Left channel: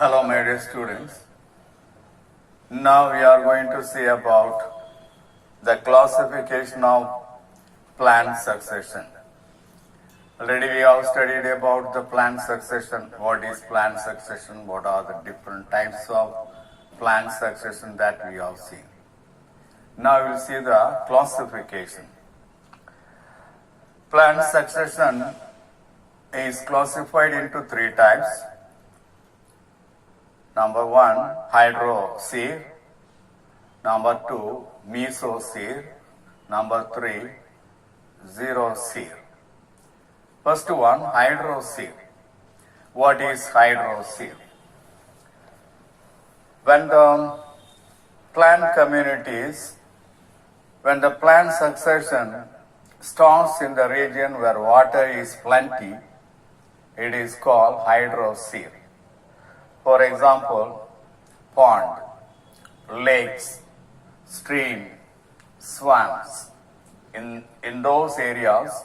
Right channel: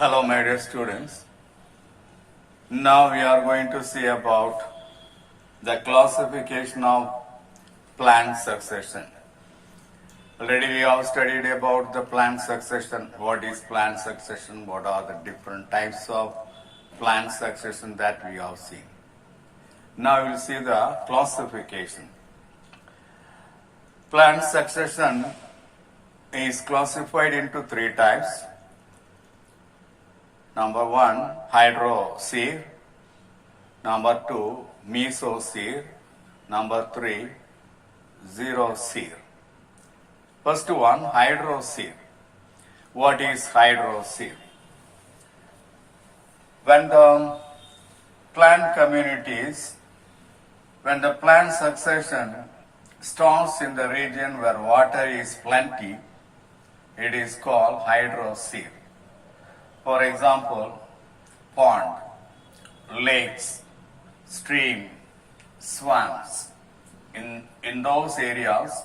Hello, my dear students. Now we are going to see about the classification of plant succession. Already we have studied about the plant succession. What is plant succession? What are the different types of plant succession that we have seen. Now we will see the classification. Plant succession is classified into three types. Number one, hydroseed. Number two, mesoseed. Number three, xeroseed. First one, hydroseed. What is hydroseed? When the plant communities, when the plant succession starts in the region where water is plenty, it is called hydroseed. For example, pond, lakes, stream, swamps. In those areas,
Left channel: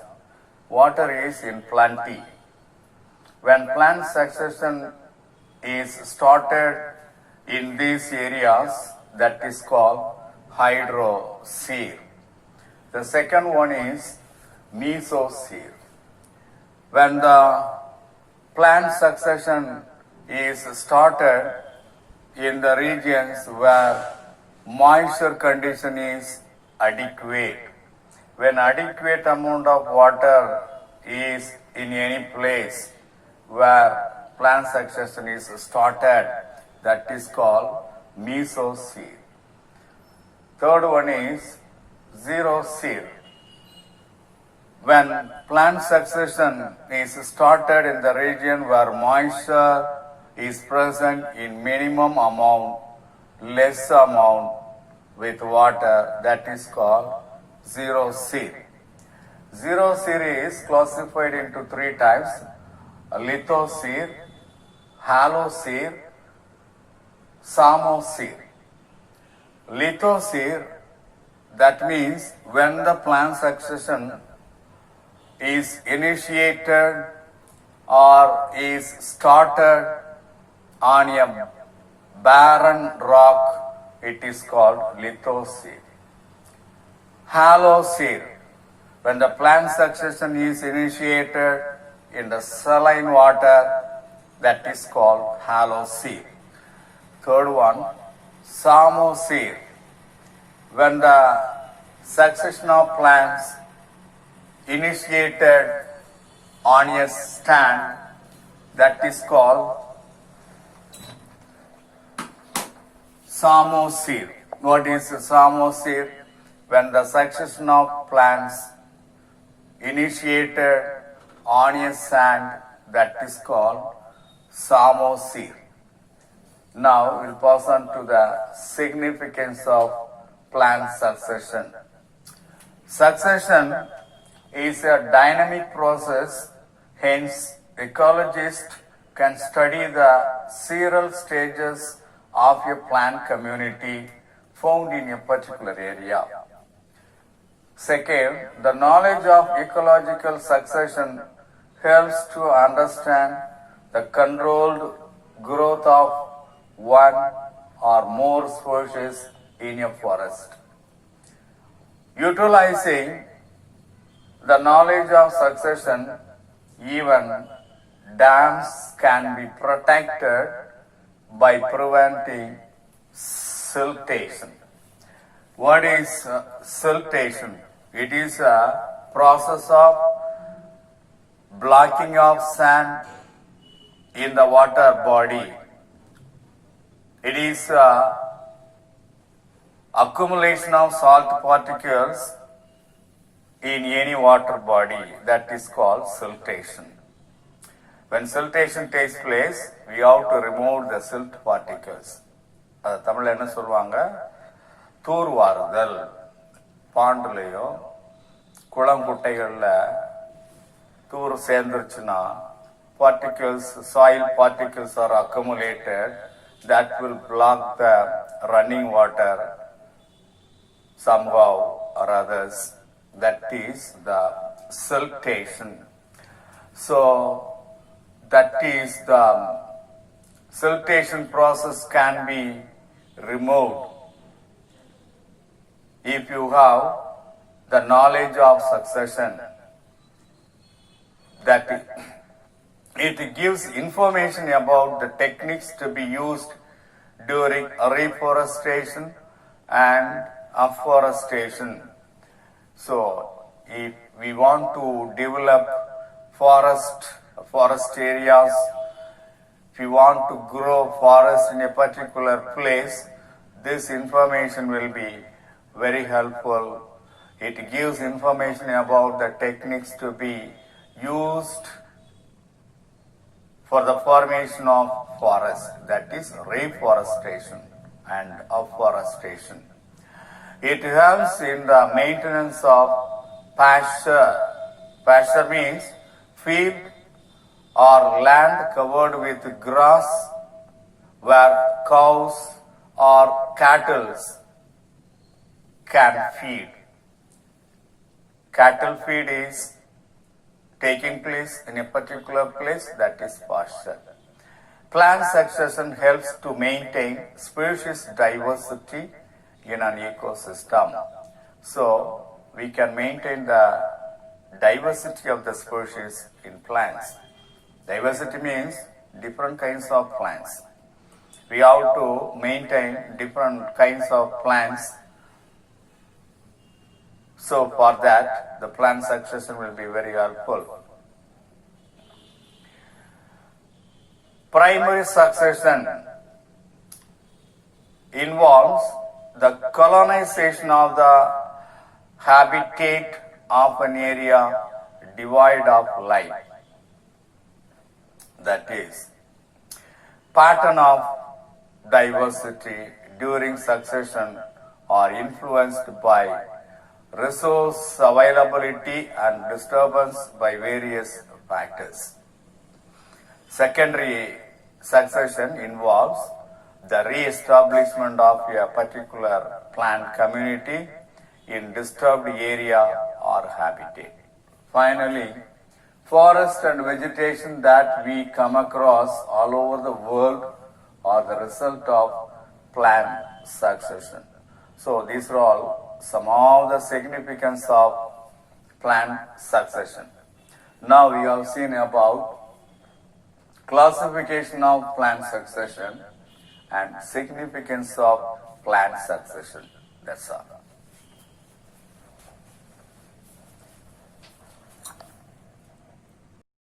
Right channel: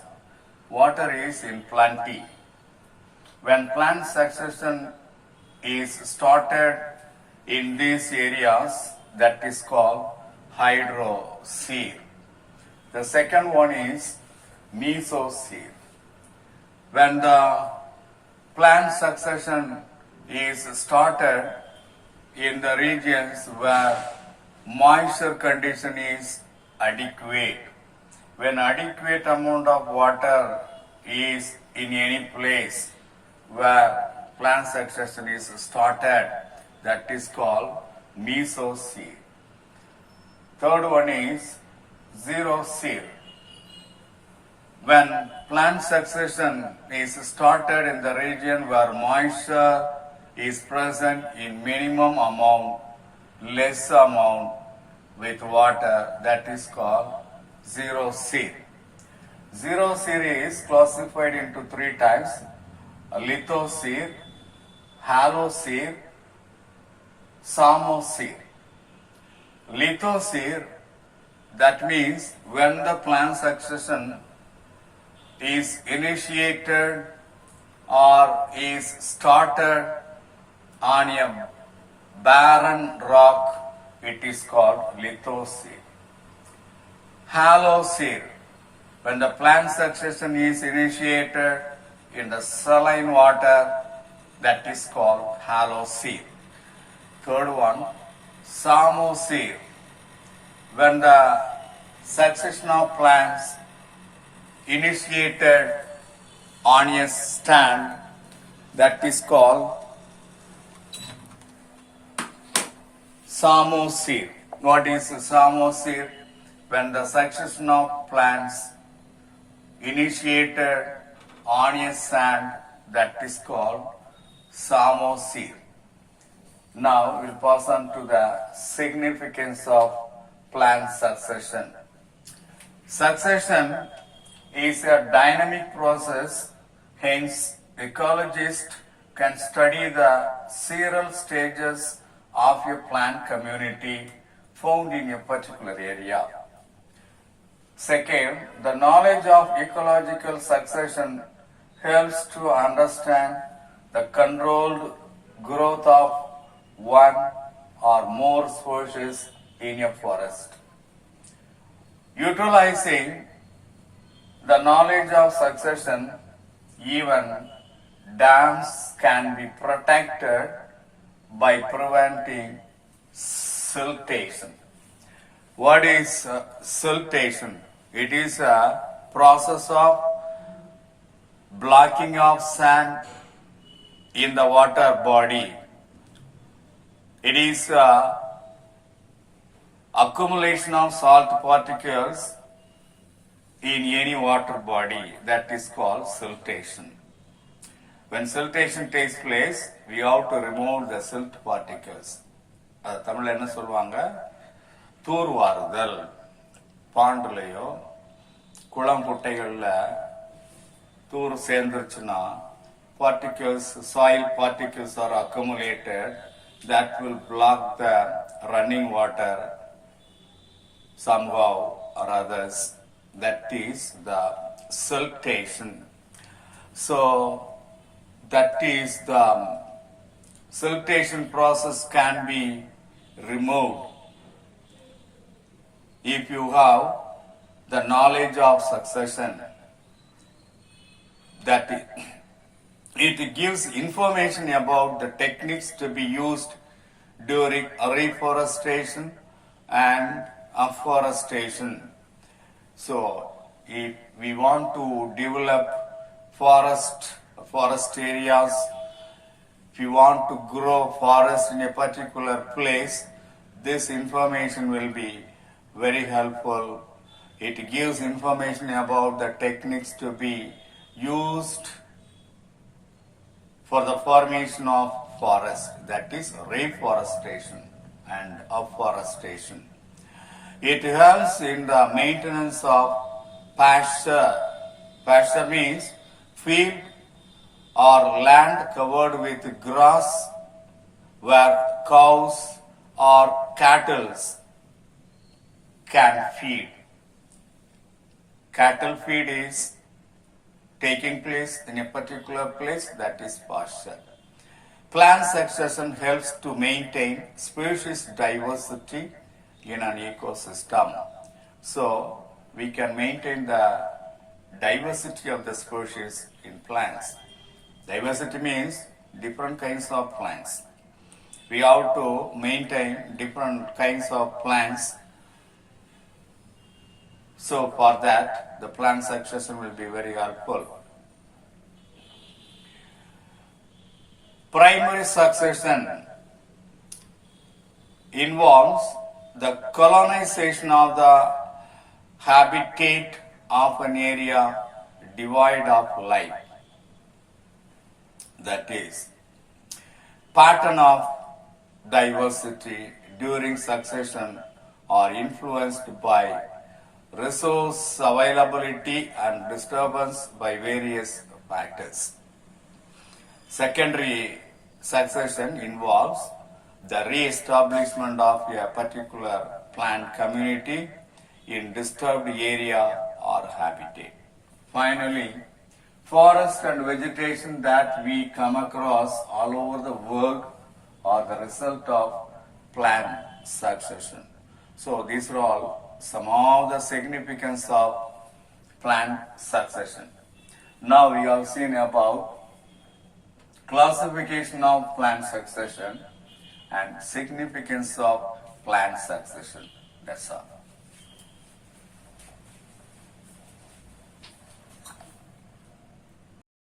water is in plenty. When plant succession is started in these areas, that is called hydroseed. The second one is mesoseed. When the plant succession is started in the regions where moisture condition is adequate. When adequate amount of water is in any place where plant succession is started, that is called mesoseed. Third one is xeroseed. When plant succession is started in the region where moisture is present in minimum amount, less amount with water, that is called xeroseed. Xeroseed is classified into three types: lithoseed, haloseed, samoseed. Lithoseed, that means when the plant succession is initiated or is started on a barren rock, it is called lithoseed. Haloseed, when the plant succession is initiated in the saline water, that is called haloseed. Third one, samoseed, when the succession of plants initiated on a stand, that is called samoseed. What is samoseed? When the succession of plants initiated on a sand, that is called samoseed. Now we'll pass on to the significance of plant succession. Succession is a dynamic process, hence ecologists can study the several stages of a plant community found in a particular area. Second, the knowledge of ecological succession helps to understand the controlled growth of one or more species in a forest. Utilizing the knowledge of succession, even dams can be protected by preventing siltation. What is siltation? It is a process of blocking of sand in the water body. It is accumulation of salt particles in any water body, that is called siltation. When siltation takes place, we have to remove the silt particles. தமிழ்ல என்ன சொல்லுவாங்க? தூர்வாருதல். பாண்டுலையோ குளம் குட்டைகள்ல தூர் சேர்ந்துருச்சுன்னா particles, soil particles are accumulated that will block the running water somehow or others. That is the siltation. So that is the siltation process can be removed if you have the knowledge of succession, that it gives information about the techniques to be used during reforestation and afforestation. So, if we want to develop forest areas, if you want to grow forest in a particular place, this information will be very helpful. It gives information about the techniques to be used for the formation of forest, that is reforestation and afforestation. It helps in the maintenance of pasture. Pasture means field or land covered with grass where cows or cattle can feed. Cattle feed is taking place in a particular place, that is pasture. Plant succession helps to maintain species diversity in an ecosystem. So, we can maintain the diversity of the species in plants. Diversity means different kinds of plants. We have to maintain different kinds of plants. So for that, the plant succession will be very helpful. Primary succession involves the colonization of the habitat of an area devoid of life. That is, pattern of diversity during succession are influenced by resource availability and disturbance by various factors. Secondary succession involves the re-establishment of a particular plant community in disturbed area or habitat. Finally, forest and vegetation that we come across all over the world are the result of plant succession. So these are all some of the significance of plant succession. Now we have seen about classification of plant succession and significance of plant succession. That's all.